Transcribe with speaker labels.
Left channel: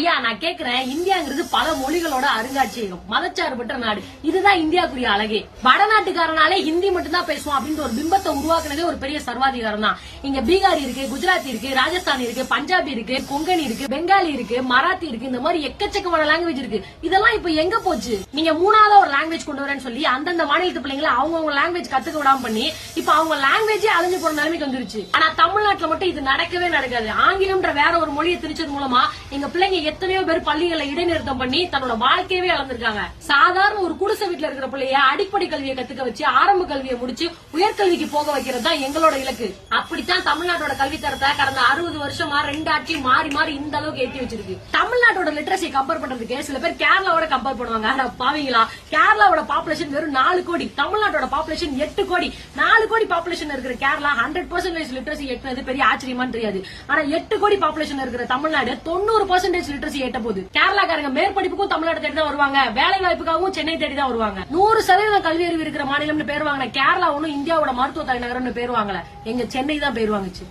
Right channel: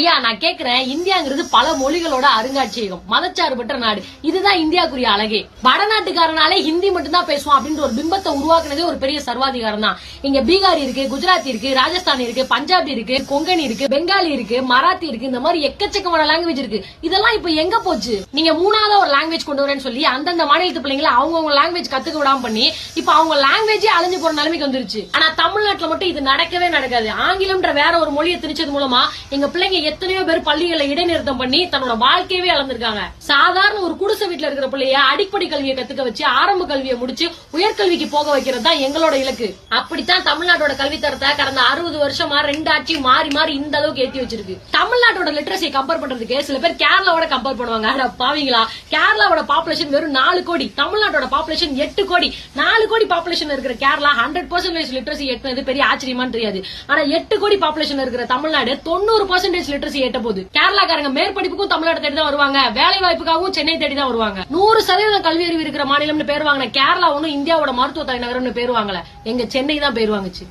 Speaker 1: ஐயா நான் கேக்குறேன். இந்தியாங்கிறது பல மொழிகளோட அருங்காட்சியகம். மதச்சார்பற்ற நாடு. இதுதான் இந்தியாக்குரிய அழகே. வடநாட்டுக்காரனாலே ஹிந்தி மட்டும் தான் அப்படின்ற ஒரு பிம்பத்தை உருவாக்குனதே ஒரு பெரிய சர்வாதிகாரம் தான். இங்க பீகாரி இருக்கு குஜராத்தி இருக்கு ராஜஸ்தானி இருக்கு பஞ்சாபி இருக்கு கொங்கணி இருக்கு பெங்காலி இருக்கு மராத்தி இருக்கு இந்த மாதிரி எக்கச்சக்கமான லாங்குவேஜ் இருக்கு. இதெல்லாம் இப்ப எங்க போச்சு? நீங்க மூணாவது ஒரு லாங்குவேஜ் கொண்டு வரேன்னு சொல்லி அந்தந்த மாநிலத்து பிள்ளைங்களை அவங்கவுங்க லாங்குவேஜ் கத்துக்க விடாம பண்ணி இப்ப அவங்க லாங்குவேஜே அழிஞ்சு போற நிலைமைக்கு வந்துருச்சு. ஆனா தமிழ்நாட்டுல மட்டும் இது நடக்கவே நடக்காது. ஆங்கிலம்ன்ற வேற ஒரு மொழியை திணிச்சது மூலமா எங்க பிள்ளைங்க எத்தனையோ பேர் பள்ளிகளை இடைநிறுத்தம் பண்ணி தன்னோட வாழ்க்கையவே இழந்திருக்காங்க. சாதாரண ஒரு குடிசை வீட்டுல இருக்கிற பிள்ளைய அடிப்படை கல்வியை கத்துக்க வச்சு ஆரம்ப கல்வியை முடிச்சு உயர்கல்விக்கு போக வைக்கிறது தான் எங்களோட இலக்கு. அப்படித்தான் தமிழ்நாட்டோட கல்வி தரத்தை கடந்த அறுபது வருஷமா ரெண்டு ஆட்சி மாறி மாறி இந்த அளவுக்கு ஏத்தி வச்சிருக்கு. தமிழ்நாட்டோட லிட்ரஸி கம்பேர் பண்றதுக்கு சில பேர் கேரளாவோட கம்பேர் பண்ணுவாங்க. ஆனா பாவீங்களா? கேரளாவோட பாப்புலேஷன் வெறும் நாலு கோடி. தமிழ்நாட்டோட பாப்புலேஷன் எட்டு கோடி. நாலு கோடி பாப்புலேஷன் இருக்கிற கேரளா ஹண்ட்ரட் பர்சன்டேஜ் லிட்ரஸி எட்டுனது பெரிய ஆச்சரியமா தெரியாது. ஆனா எட்டு கோடி பாப்புலேஷன் இருக்கிற தமிழ்நாடு தொண்ணூறு பர்சன்டேஜ் லிட்ரஸி எட்ட போகுது கேரளாக்காரங்க மேற்படிப்புக்கும் தமிழ்நாடு தேடி தான் வருவாங்க. வேலை வாய்ப்புக்காகவும் சென்னை தேடி தான் வருவாங்க. நூறு சதவீதம் கல்வி அறிவு இருக்கிற மாநிலம்னு பேர் வாங்கின கேரளா ஒன்னும் இந்தியாவோட மருத்துவ தலைநகரம்னு பேர் வாங்கல. எங்க சென்னை தான் பேர் வாங்குச்சு.